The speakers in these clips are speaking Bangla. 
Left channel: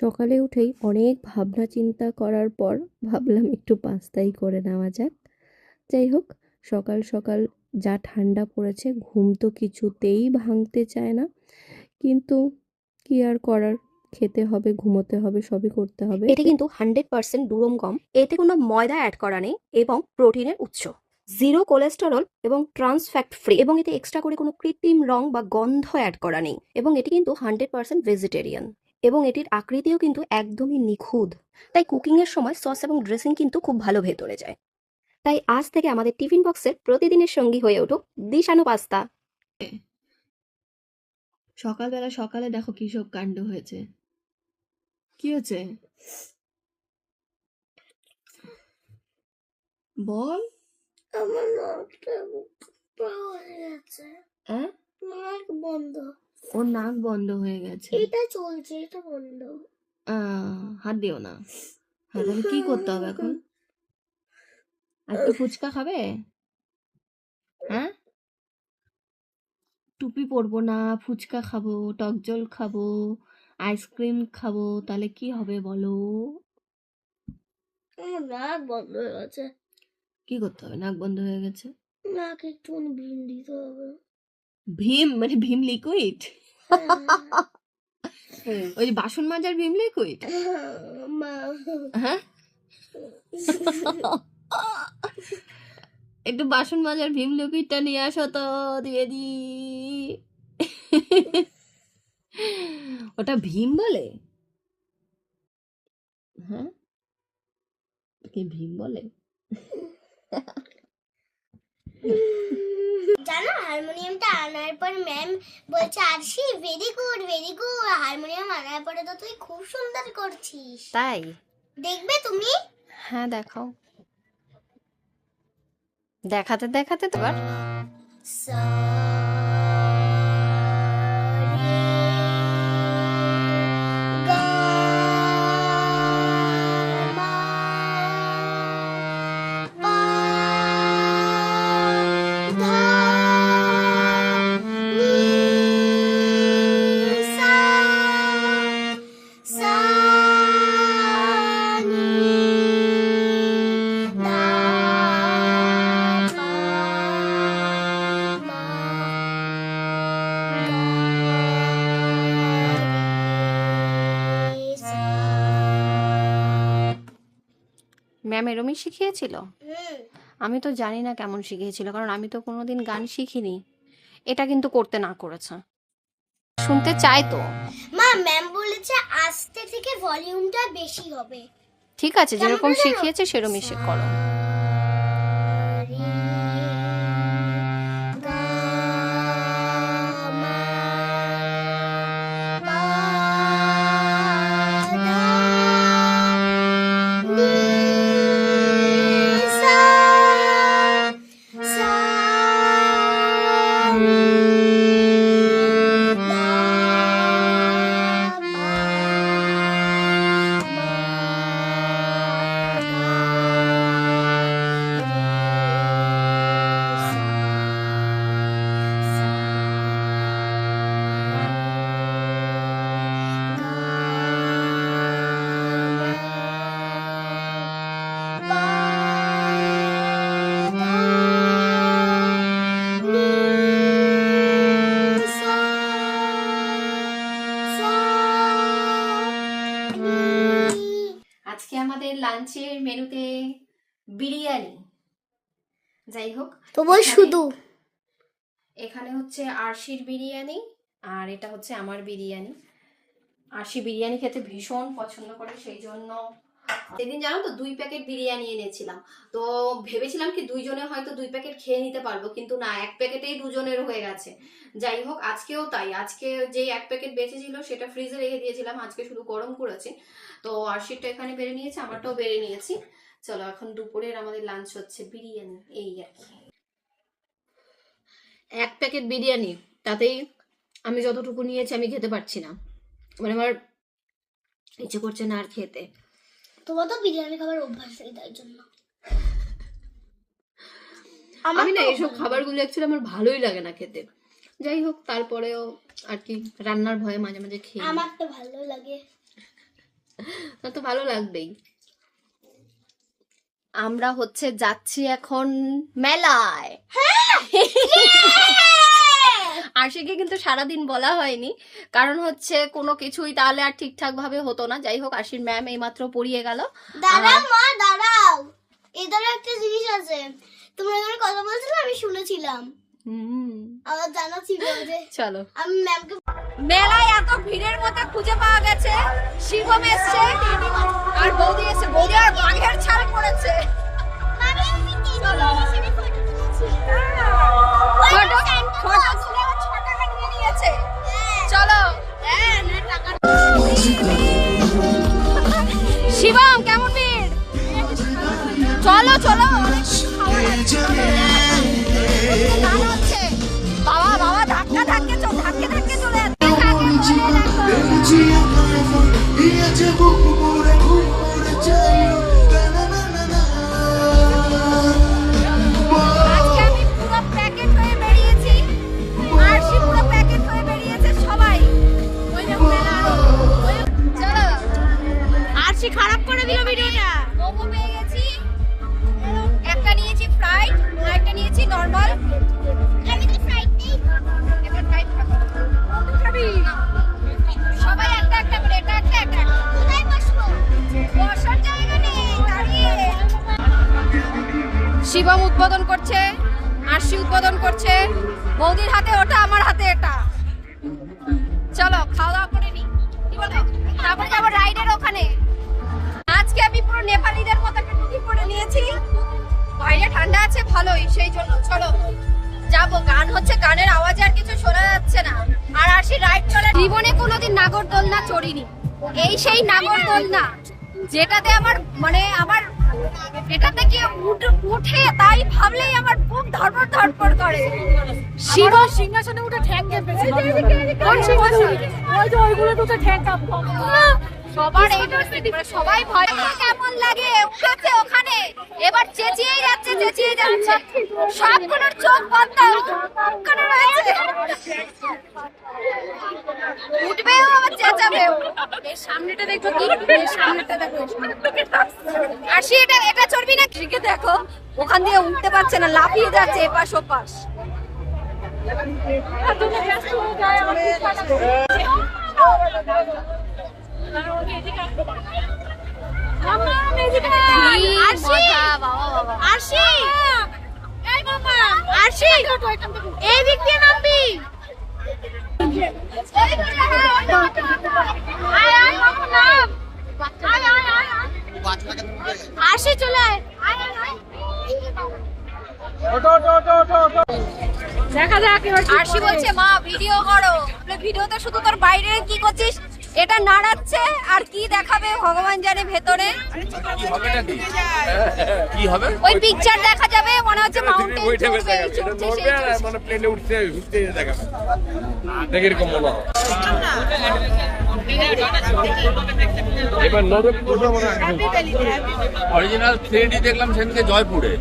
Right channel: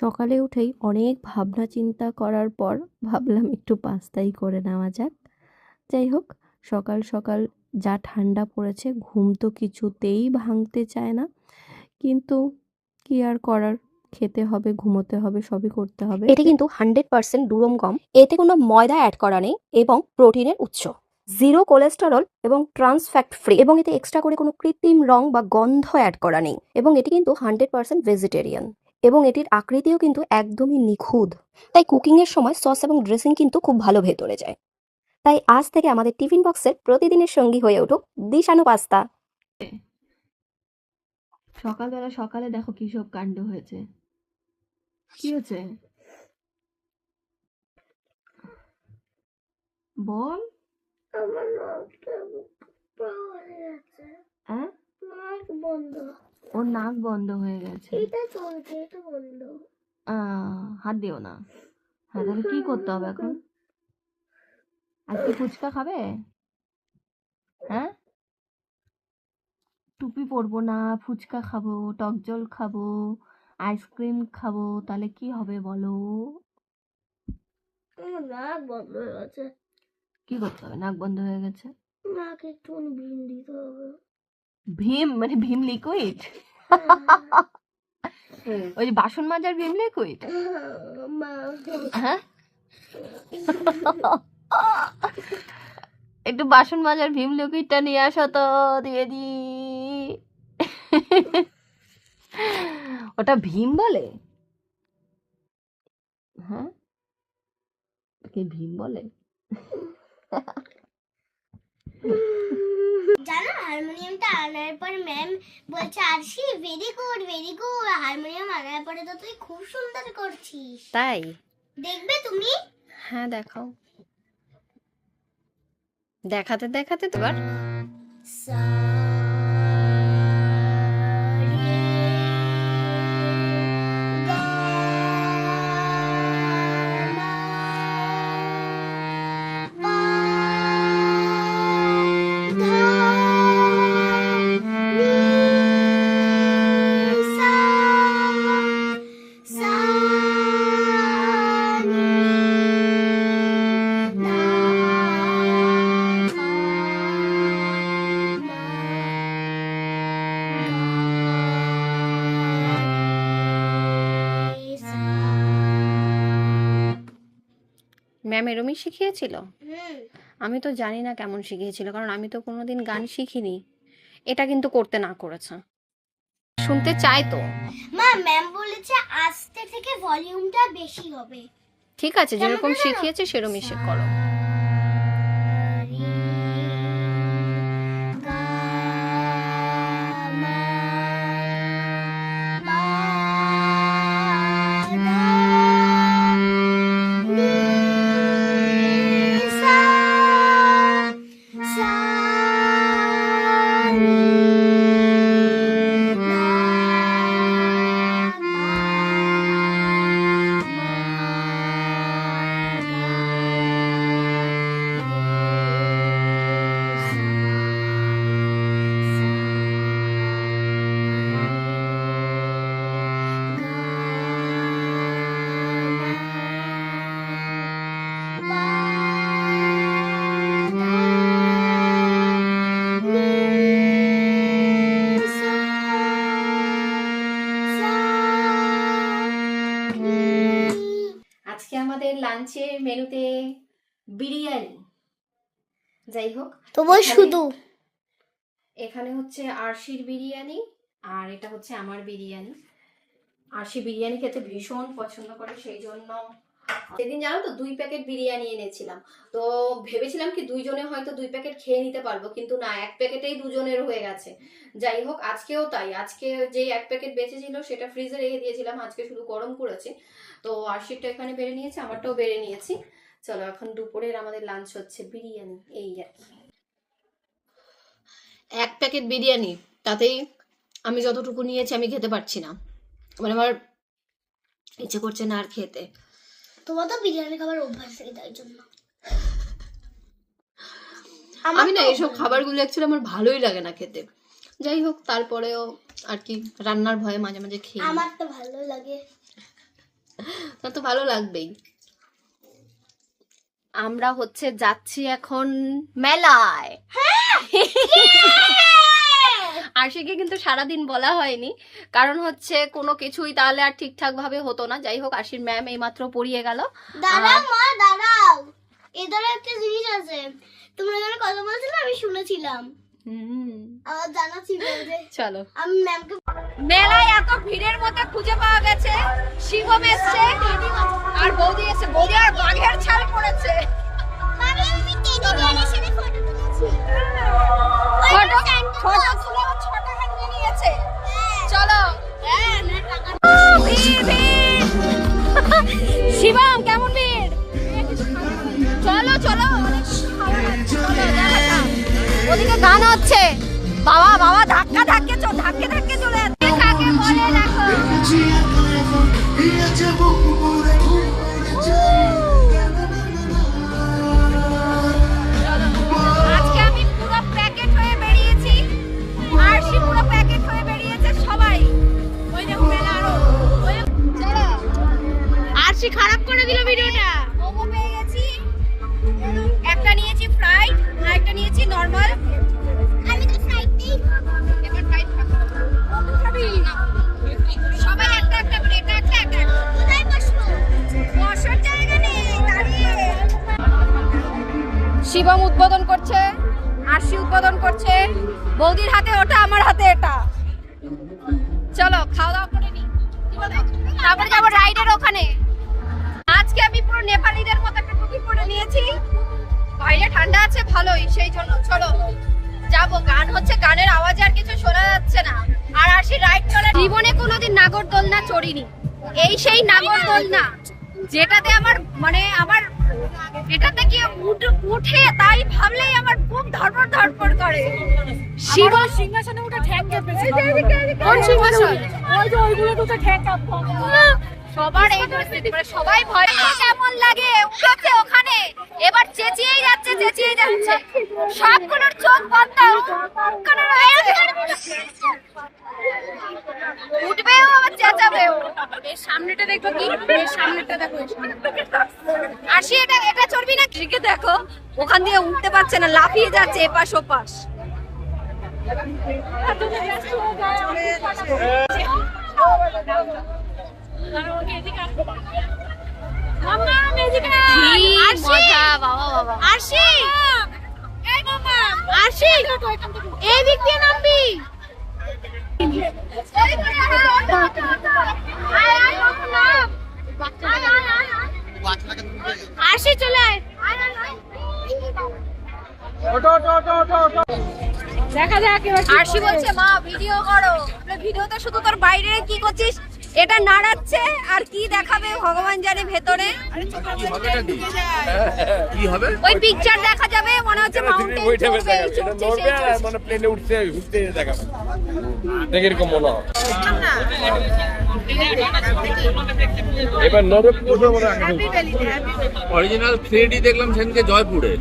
সকালে উঠেই অনেক ভাবনা চিন্তা করার পর ভাবলাম একটু পাস্তাই করে নেওয়া যাক। যাই হোক, সকাল সকাল যা ঠান্ডা পড়েছে, ঘুম তো কিছুতেই ভাঙতে চায় না। কিন্তু কি আর করার, খেতে হবে, ঘুমোতে হবে, সবই করতে হবে। এটা কিন্তু 100% দুরম গম। এতে কোনো ময়দা অ্যাড করা নেই এবং প্রোটিনের উৎস, জিরো কোলেস্টেরল এবং ট্রান্স ফ্যাট ফ্রি, এবং এতে এক্সট্রা করে কোনো কৃত্রিম রং বা গন্ধ অ্যাড করা নেই, এবং এটি কিন্তু 100% ভেজিটেরিয়ান, এবং এটির আকৃতিও কিন্তু একদমই নিখুঁত। তাই কুকিংয়ের সময় সস এবং ড্রেসিং কিন্তু খুব ভালো ভেতরে যায়। তাই আজ থেকে আমাদের টিফিন বক্সের প্রতিদিনের সঙ্গী হয়ে উঠুক দিশানো পাস্তা। সকালবেলা সকালে দেখো কি সব কাণ্ড হয়েছে। কি হয়েছে বল। আমার নাকটা হয়ে গেছে। হ্যাঁ, নাক বন্ধ। ওর নাক বন্ধ হয়ে গেছে। এটা চলছে, এটা বন্ধ। হাত দিও না। হ্যাঁ, তাহলে কি করতে হবে এখন? আজকে ফুচকা খাবে? হ্যাঁ, টুপি পরবো না, ফুচকা খাবো, টক জল খাবো, আইসক্রিম খাবো, তাহলে কি হবে বলো? আমার নাক বন্ধ হয়ে গেছে। কি করতে হবে? নাক বন্ধ হয়ে গেছে, নাকে একটু ভীম দিতে হবে। ভীম মানে ভীম লিকুইড? ওই যে বাসন মাজার ভীম লিকুইড? মা, হ্যাঁ, একটু বাসন মাজার ভীম লিকুইডটা নিয়ে আসো তো, দিয়ে দি। ওটা ভীম বলে? হ্যাঁ, কি ভীম বলে? জানো, হারমোনিয়ামটা আনার পর ম্যাম বলছে, Arshi very good very good, harmonium আনার পরে তো তুই খুব সুন্দর করছিস। তাই? দেখবে তুমি? হ্যাঁ, দেখাও। দেখাতে দেখাতে তো এবার সা রে গা মা পা ধা নি সা সা নি ধা পা মা গা রে সা। ম্যাম এরমই শিখিয়েছিল? হুম। আমি তো জানি না কেমন শিখিয়েছিল, কারণ আমি তো কোনোদিন গান শিখিনি। এটা কিন্তু করতে না করেছে। শুনতে চাই তো। মা, ম্যাম বলেছে আস্তে থেকে ভলিউমটা বেশি হবে। ঠিক আছে, যেরকম শিখিয়েছে সেরকমই সে করো। আজকে আমাদের লাঞ্চের মেনুতে বিরিয়ানি। যাই হোক, তোমার শুধু এখানে হচ্ছে আরশির বিরিয়ানি, আর এটা হচ্ছে আমার বিরিয়ানি। আরশি বিরিয়ানি খেতে ভীষণ পছন্দ করে, সেই জন্য সেদিন জানো তো 2 প্যাকেট বিরিয়ানি এনেছিলাম। তো ভেবেছিলাম কি দুইজনে হয়তো 2 প্যাকেট খেয়ে নিতে পারবো, কিন্তু না, 1 প্যাকেটেই দুজনের হয়ে গেছে। যাই হোক, আজকেও তাই। আজকে যে 1 প্যাকেট বেঁচে ছিল সেটা ফ্রিজে রেখে দিয়েছিলাম, আজকে শুধু গরম করেছি। তো আরশিরটা এখানে বেড়ে নিয়েছি, আমারটাও বেড়ে নিয়েছি। চলো, এখন দুপুরের আমাদের লাঞ্চ হচ্ছে বিরিয়ানি, এই আর কি। 1 প্যাকেট বিরিয়ানি, তাতেই আমি যতটুকু নিয়েছি আমি খেতে পারছি না, মানে আমার ইচ্ছে করছে না আর খেতে। তোমার তো বিরিয়ানি খাবার অভ্যাস নেই, তাই জন্য। আমি না এইসব খাবারগুলো অ্যাকচুয়ালি আমার ভালোই লাগে না খেতে। যাই হোক, তারপরেও আর কি রান্নার ভয়ে মাঝে মাঝে খেয়ে নিই। আমার তো ভালো লাগে। তো ভালো লাগবেই। আমরা হচ্ছে যাচ্ছি এখন মেলায়। আশিকে কিন্তু সারাদিন বলা হয়নি, কারণ হচ্ছে কোনো কিছুই তাহলে আর ঠিকঠাক ভাবে হতো না। যাই হোক, আশির ম্যাম এইমাত্র পড়িয়ে গেল। দাঁড়াও মা দাঁড়াও, এদের একটা জিনিস আছে, তোমরা এখানে কথা বলছিলে আমি শুনেছিলাম, আমার জানা ছিল যে চলো। আমি ম্যামকে মেলায় এত ভিড়ের মধ্যে খুঁজে পাওয়া গেছে শিবম এসছে আর বৌদি এসছে। বৌদি আর বাঘের ছাল পড়েছে। মামি আমি টেডি বিয়ারের সাথে ফটো তুলেছি। ফটো তুলে ও 6 টাকা নিয়ে নিয়েছে। চলো। না টাকা শিবম কেমন ভিড়? চলো চলো, অনেক খাবার আছে। ওদিকে গান হচ্ছে। বাবা বাবা ধাক্কা ধাক্কে ধাক্কে ধাক্কে চলে যাচ্ছে। কাকে বলে দেখো। আজকে আমি পুরো প্যাকেট হয়ে বেরিয়েছি, আরশি পুরো প্যাকেট হয়ে বেরিয়েছে। সবাই ওই দেখো মেলা আরো। চলো। আরশি খারাপ করে দিল ভিডিওটা। মোমো পেয়ে গেছি, একটা নিয়েছি ফ্রাইড আর একটা নিয়েছি নরমাল। আমি তো ফ্রাইডটাই এটা ফ্রাইড খাবো। কত খাবি? সবাই একটা একটা করে, এটা একটা একটা। কোথায় বসবো? বসার জায়গা নেই, দাঁড়িয়ে। শিবম উদ্বোধন করছে, আরশি উদ্বোধন করছে। বৌদির হাতে ওটা, আমার হাতে এটা। চলো খাওয়া দাওয়া করে নি, কি বলো? তারপরে যাবো রাইডের ওখানে। আজকে আমি পুরো নেপালিদের মতো একটা টুপি পরে নিয়েছি। বাইরে ঠান্ডা আছে ভালোই, সেই জন্য চলো যাবো। গান হচ্ছে, গানের আওয়াজে আর কিছু শোনা যাচ্ছে না। আর আসি রাইড চলে। জীবনে কোনোদিন নাগরদোলনা চড়িনি, এই সেই নাগরদোলনা যেটাতে আমার মানে আমার এটাতে কি উঠে তাই ভাবলেই আমার বুক ধরপড় ধরপড় করে। শিব সিংহাসনে উঠে ঠ্যাং কেঁপেছে। ওই যে ওইগুলো তো ঠ্যাং কাঁপতো। সবার এই মানে সবাই ভয়। কেমন লাগে? উঠেছে ওখানে, এবার চেঁচিয়েই যাচ্ছে চেঁচিয়েই যাচ্ছে। সবগুলোর চোখ বন্ধ করে রয়েছে। উঠবেও আবার চেঁচাবেও। এর সামনেটা দেখো কি, এর সামনেটা দেখো। আসি এটা এটা চড়বি না? দিকে দেখো, ওখান দিয়ে উঠতে পারছে না, লাফিয়ে যাচ্ছে এপাশ ওপাশ। মজা বাবা বাবা। আরশি এই মামা, আরশি এই দিক দিয়ে নামবি। আয় আয় মামা নাম। আয় আয় আয় আরশি চলে আয়। আয় আয় আয়। ওটো ওটো ওটো ওটো। দেখা যাক এবার। আরশি বলছে মা ভিডিও করো। ভিডিওতে শুধু তোর বাইরে কি করছিস এটা নাড়াচ্ছে, আর কি দেখাবে ভগবান জানে ভেতরে কি হবে। ওই পিকচার দেখা যাবে, মনে হচ্ছে মাউন্টেন মানে প্লেনে উঠতে উঠতে দেখাবে, দেখে এরকম মনে হয়। এবার অরিজিনাল 3D দেখলাম সেদিনকে জয়পুরে,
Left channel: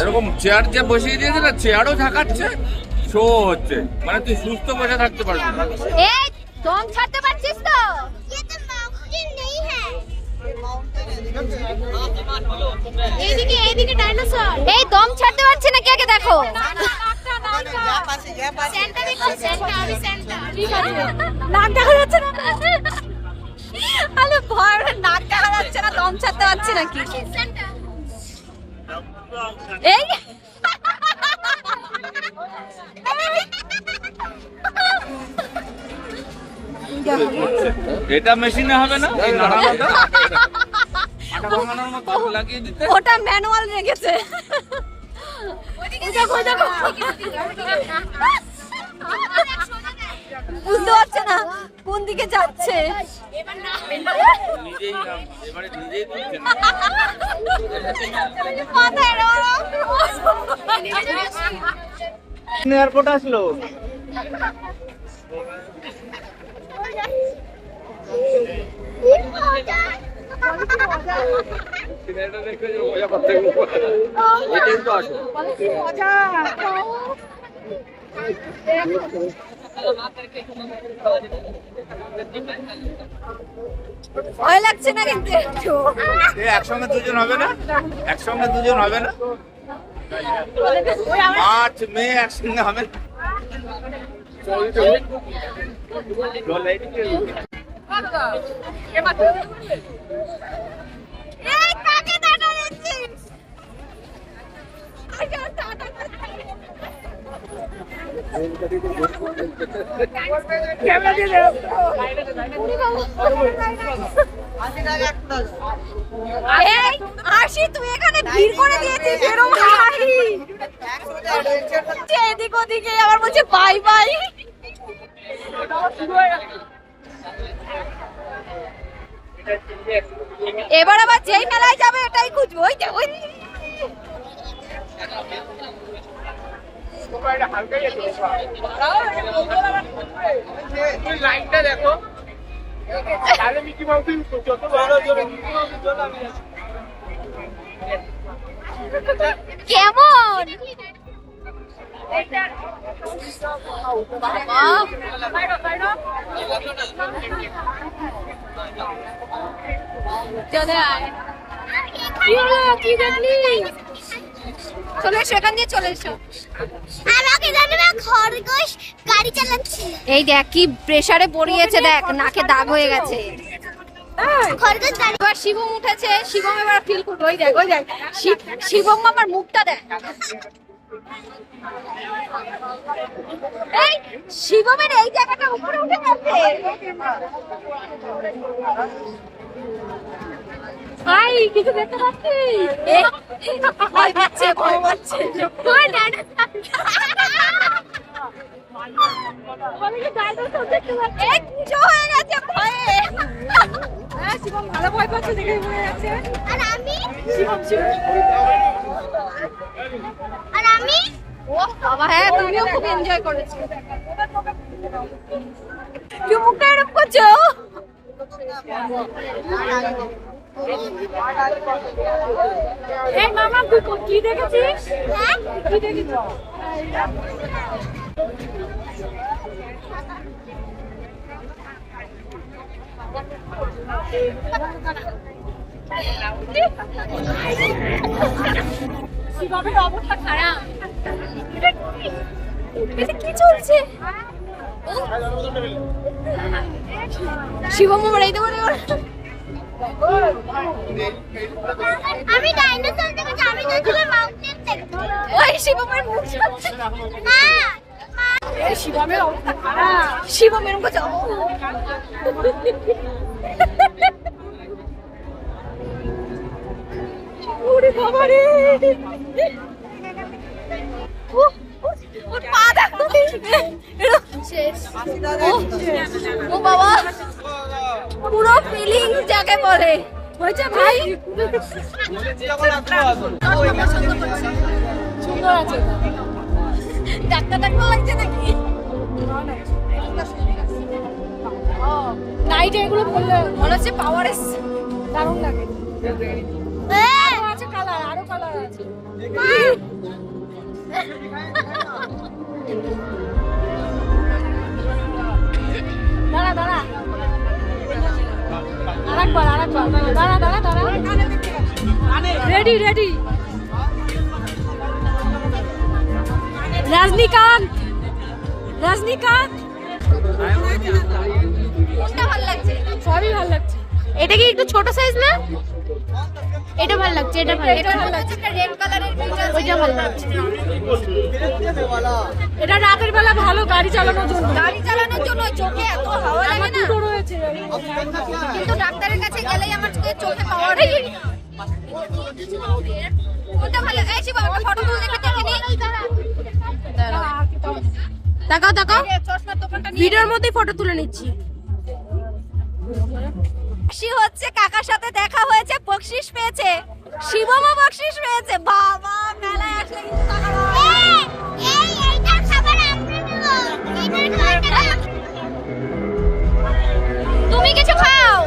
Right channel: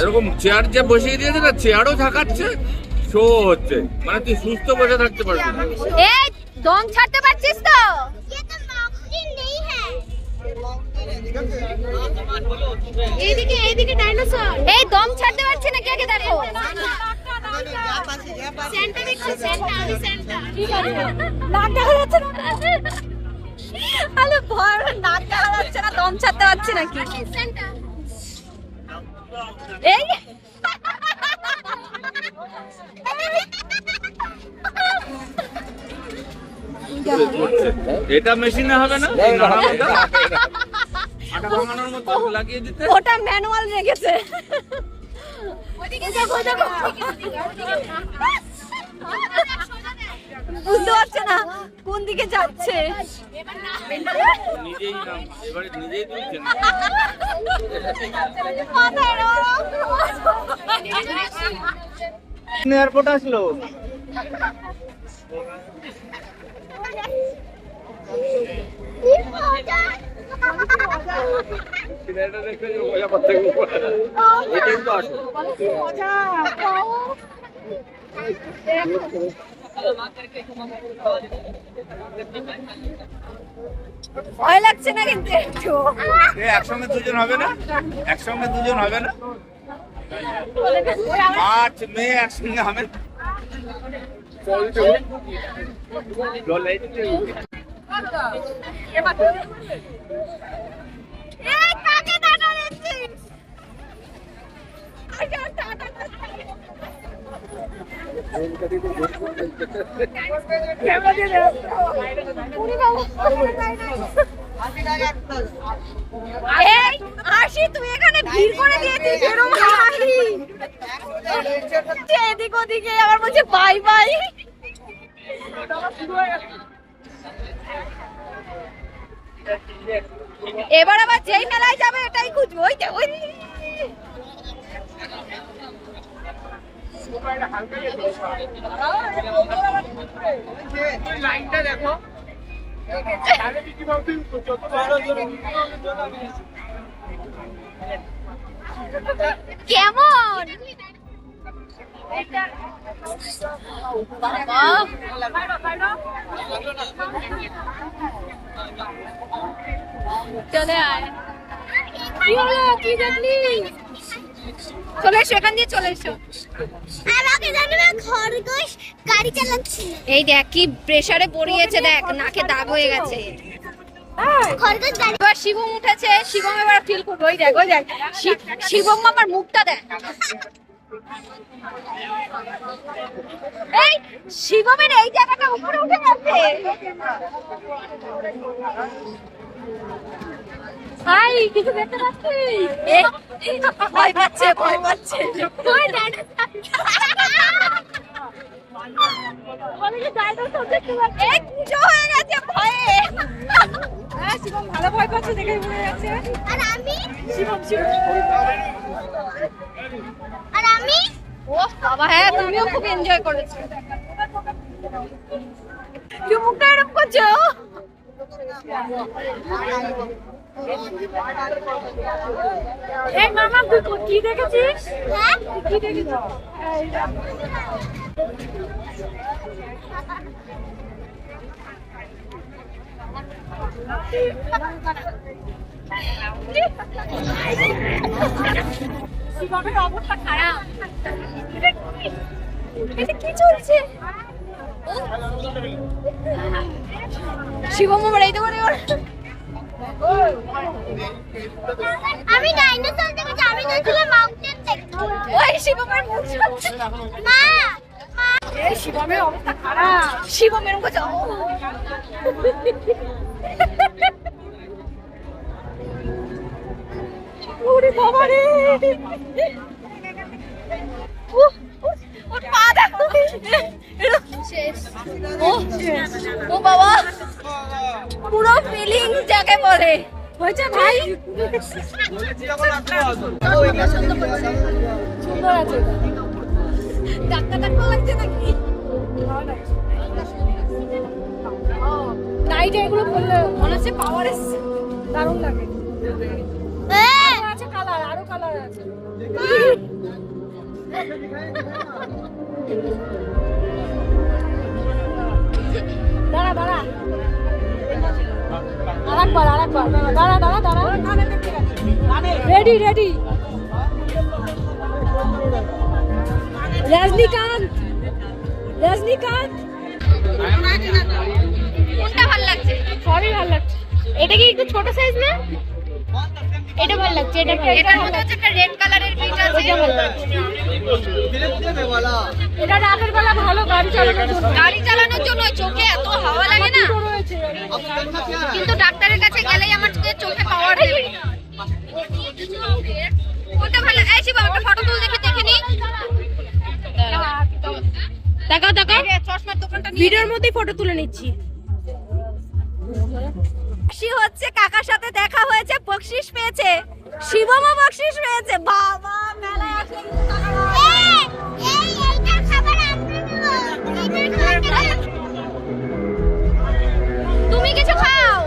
এরকম চেয়ার যে বসিয়ে দিয়েছে না, চেয়ারও থাকাচ্ছে, শো হচ্ছে, মানে তুই সুস্থ বসে থাকতে পারবি। এই দম ছাড়তে পারছিস তো? ये तो माउंटेन नहीं है। এইদিকে এইদিকে ডাইনোসর। এই দম ছাড়তে পারছি না, কে কে দেখো। सेंटा देखो, सेंटा আমি সেন্টা। নাক দেখা যাচ্ছে না। আরে ভয়, নাক দেখা যাচ্ছে না, দম ছাড়তে পারছি না কি। সেন্টা এই এটা মেশিনে হবে না, লাগিয়ে দিতে। ওটা ম্যানুয়াল রেখেছে। বুঝতে পারছে না কোন দিকে যাচ্ছে। এয়ারপোর্ট আসলো। ভয় লাগছে না কিন্তু একটু। একসঙ্গে দুজন হবে না, একসঙ্গে দুজন হবে না, মার্চ মে একসঙ্গে হবে না। আশি তুই এখানে ভিড় করে দিয়েছিস এরকম ভাই, এদিক ওদিকে আবার বলছে বাই বাই। এবার আবার যেই মেলায় যাবে ওটাই খুঁজবো। ওই যে ওই লাইনটা দেখো, কেমন চলে আয়। কি হলো, কি দেখলি? চলে এসো, এখান দিয়ে চলে এসো। আমাকে জানো না খরগোশ গাড়ি চালাচ্ছিল। এই দেখ কি প্রেসারে পড়িয়েছে, দেখ নাকে দাগ হয়ে গেছে। খরগোশ গাড়ি এবার শিবম উঠেছে, শিবম এবার ফিল করবে। ওই দেখ, ওই দেখ শিবম আমার মুখটা দেখ। এই শিবমের এই জায়গাটা উপরে উঠে গেছে। হাই, কিছু দেখতে পাচ্ছিস? ভয় পাচ্ছে, ভয় পাচ্ছে। ভালো ভয় পাচ্ছে দেখে মনে যাচ্ছে। আর আমি ও বাবা, হ্যাঁ তুমিও খুব এনজয় করেছো। কি মুখটা এরকম করছো? এই মামা তুই কি দেখেছিস? কি দেখেছিস? শিবমের অবস্থা খারাপ। কি চলছে? শিবম আমার এই দেবো। আমি ডাইনোসর দেখেছি, আমি দেখলাম মাউন্টেন দেখতে। ওই শিবমের মুখ মা এই শিবমের অবস্থা খারাপ। শিবম এরকম করছে। ওরে বাবা রে, ওর পা দেখো। ও বাবা, পুরো ফিলিং যাকে বলে হয়েছে ভাই। সুন্দর আছে, ডাক্তার ডাক্তার লাগছে নাকি? নাইটে এগুলো পড়লে মনে হচ্ছে পাওয়ার এসছে, দারুণ লাগে। আরো আছে কালার, আরো কালার আছে। দাঁড়া দাঁড়া, আরেকবার আরেকবার, দাঁড়া দাঁড়া দাঁড়া। Ready ready. রজনীকান্ত, রজনীকান্ত কোনটা ভালো লাগছে? সবই ভালো লাগছে। এটা কি একটু ছোট সাইজ না? এটা ভালো লাগছে, এটা ভালো। এটার মধ্যে হচ্ছে একটা রেড কালারের বিট আছে, এটা ভালো লাগছে। এটা রাতের বেলা ভালো গাড়ি চালানোর জন্য। গাড়ি চালানোর জন্য চোখে এত হাওয়া লাগে না, কিন্তু ডাক্তারের কাছে গেলেই আমার চোখে পাওয়ার দেবে। কোনটা ভালো? এই শিবা একটা ফটো তুলে দেখে নি। তাকাও তাকাও, ভিডিওর মধ্যেই ফটো তুলে নিচ্ছি। খুশি হচ্ছে, কাকার সাথে দেখা হয়েছে, বকশিশ পেয়েছে। শিবমও বকশিশ পেয়েছে। বাবা, মেলায় আসলে কিন্তু টাকা পাওয়া। এইটা খাবার আমরা নেব। তুমি কিছু খাও।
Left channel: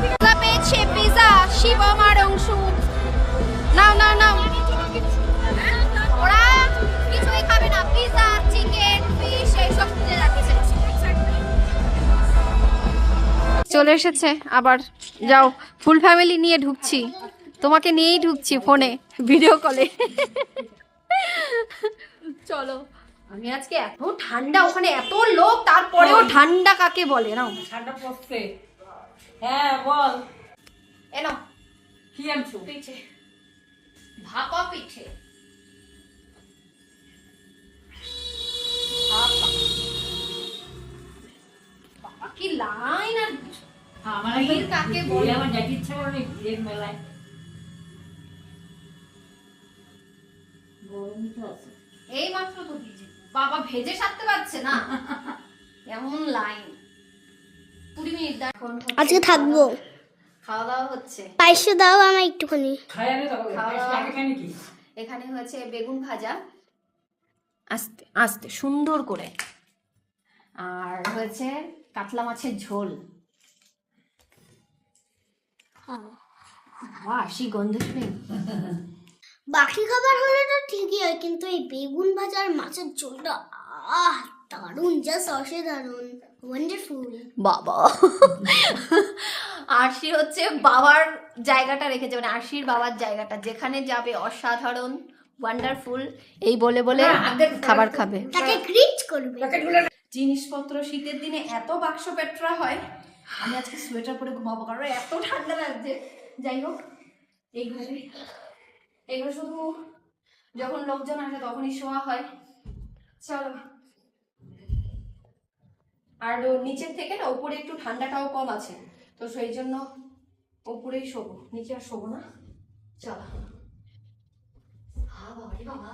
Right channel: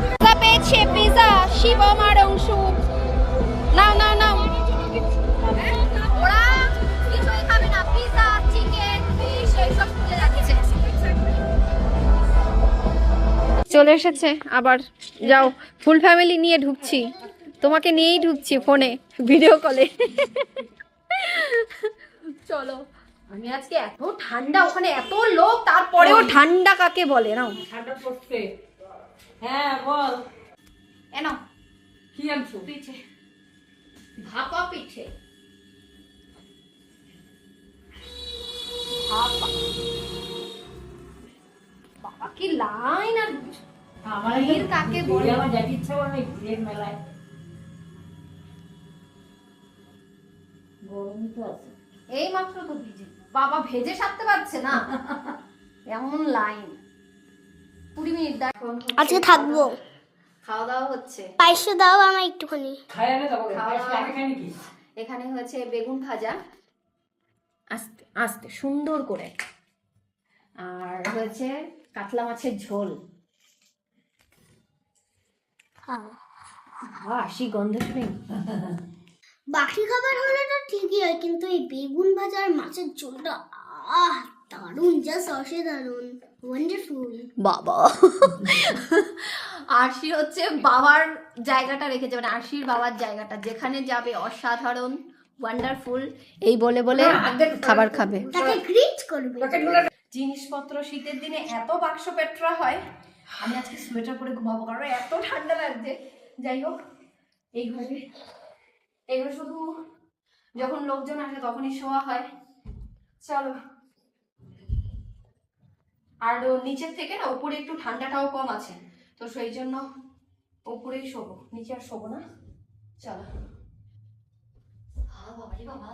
পিজা পেয়েছে, পিজা। শিবম আর অংশু নাও নাও নাও। ওরা কিছুই খাবে না, পিজা চিকেন ফিশ এইসব খুঁজে যাচ্ছে। চলে এসেছে আবার। যাও, ফুল ফ্যামিলি নিয়ে ঢুকছি, তোমাকে নিয়েই ঢুকছি ফোনে ভিডিও কলে। চলো। আমি আজকে এত ঠান্ডা, ওখানে এত লোক, তারপরেও ঠান্ডা কাকে বলে? নাও ঠান্ডা পড়ছে। হ্যাঁ বল, এনো কি আনছো? পিঠে, ভাপা পিঠে। ভাপা। বাবা কি লাইন! আর আমার ভিড় কাকে বলে? আমার যাইতে ইচ্ছা করে না ভিড়ের মেলায়। গরম তো আছে। এই মাত্র তো ভিজে, বাবা ভেজে সারতে পারছে না, এমন লাইন। 20 মিনিট দেখো। আজকে থাকবো। খাওয়া দাওয়া হচ্ছে। পায়েসে দাও আমার একটুখানি। খাই আগে তবে আগে খাই নাকি? এখানে হয়েছে বেগুন ভাজা, আস্তে আস্তে সুন্দর করে, আর হয়েছে কাতলা মাছের ঝোল। বাসি গন্ধ শুনে বাকি খাবার হলে তো ঠিকই হয়, কিন্তু এই বেগুন ভাজা আর মাছের ঝোলটা দারুণ, জাস্ট অসাধারণ, ওয়ান্ডারফুল। বাবা আরশি হচ্ছে বাবার জায়গাটা রেখেছে, মানে আরশির বাবার জায়গাটা, যেখানে যাবে অসাধারণ, ওয়ান্ডারফুল এই বলে বলে খাবার খাবে। তাকে গ্রিট করবে। জিনিসপত্র শীতের দিনে এত বাক্স পেটরা হয়। আমি আজকে সোয়েটার পরে ঘুমাবো, কারণ এত ঠান্ডা লাগছে। যাই হোক, এই ঘরে এগুলো শুধু যখন লোকজন আসে তখনই শোয়া হয়। চলো। আর নিচের থেকে না উপরে একটু ঠান্ডাটাও কম আছে, তো সেই জন্য উপরেই শোবো, নিচে আর শোবো না। চলো। বাবা রে বাবা,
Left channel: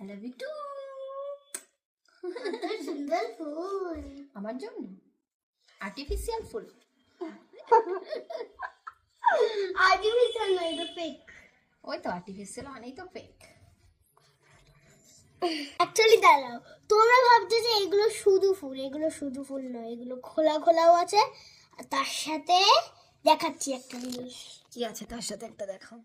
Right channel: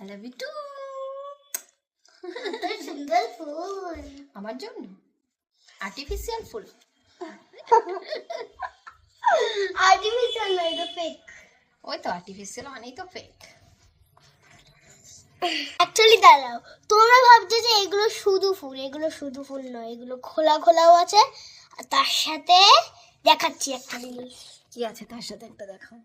I love you too. সুন্দর ফুল আমার জন্য আর্টিফিশিয়াল ফুল। আর্টিফিশিয়াল না, এটা ফেক। ওই তো আর্টিফিশিয়াল মানেই তো ফেক। অ্যাকচুয়ালি দাঁড়াও, তোমরা ভাবছো যে এগুলো শুধু ফুল, এগুলো শুধু ফুল নয়, এগুলো খোলা খোলাও আছে, আর তার সাথে দেখাচ্ছি একটা জিনিস। কি আছে তার সাথে একটা দেখাও।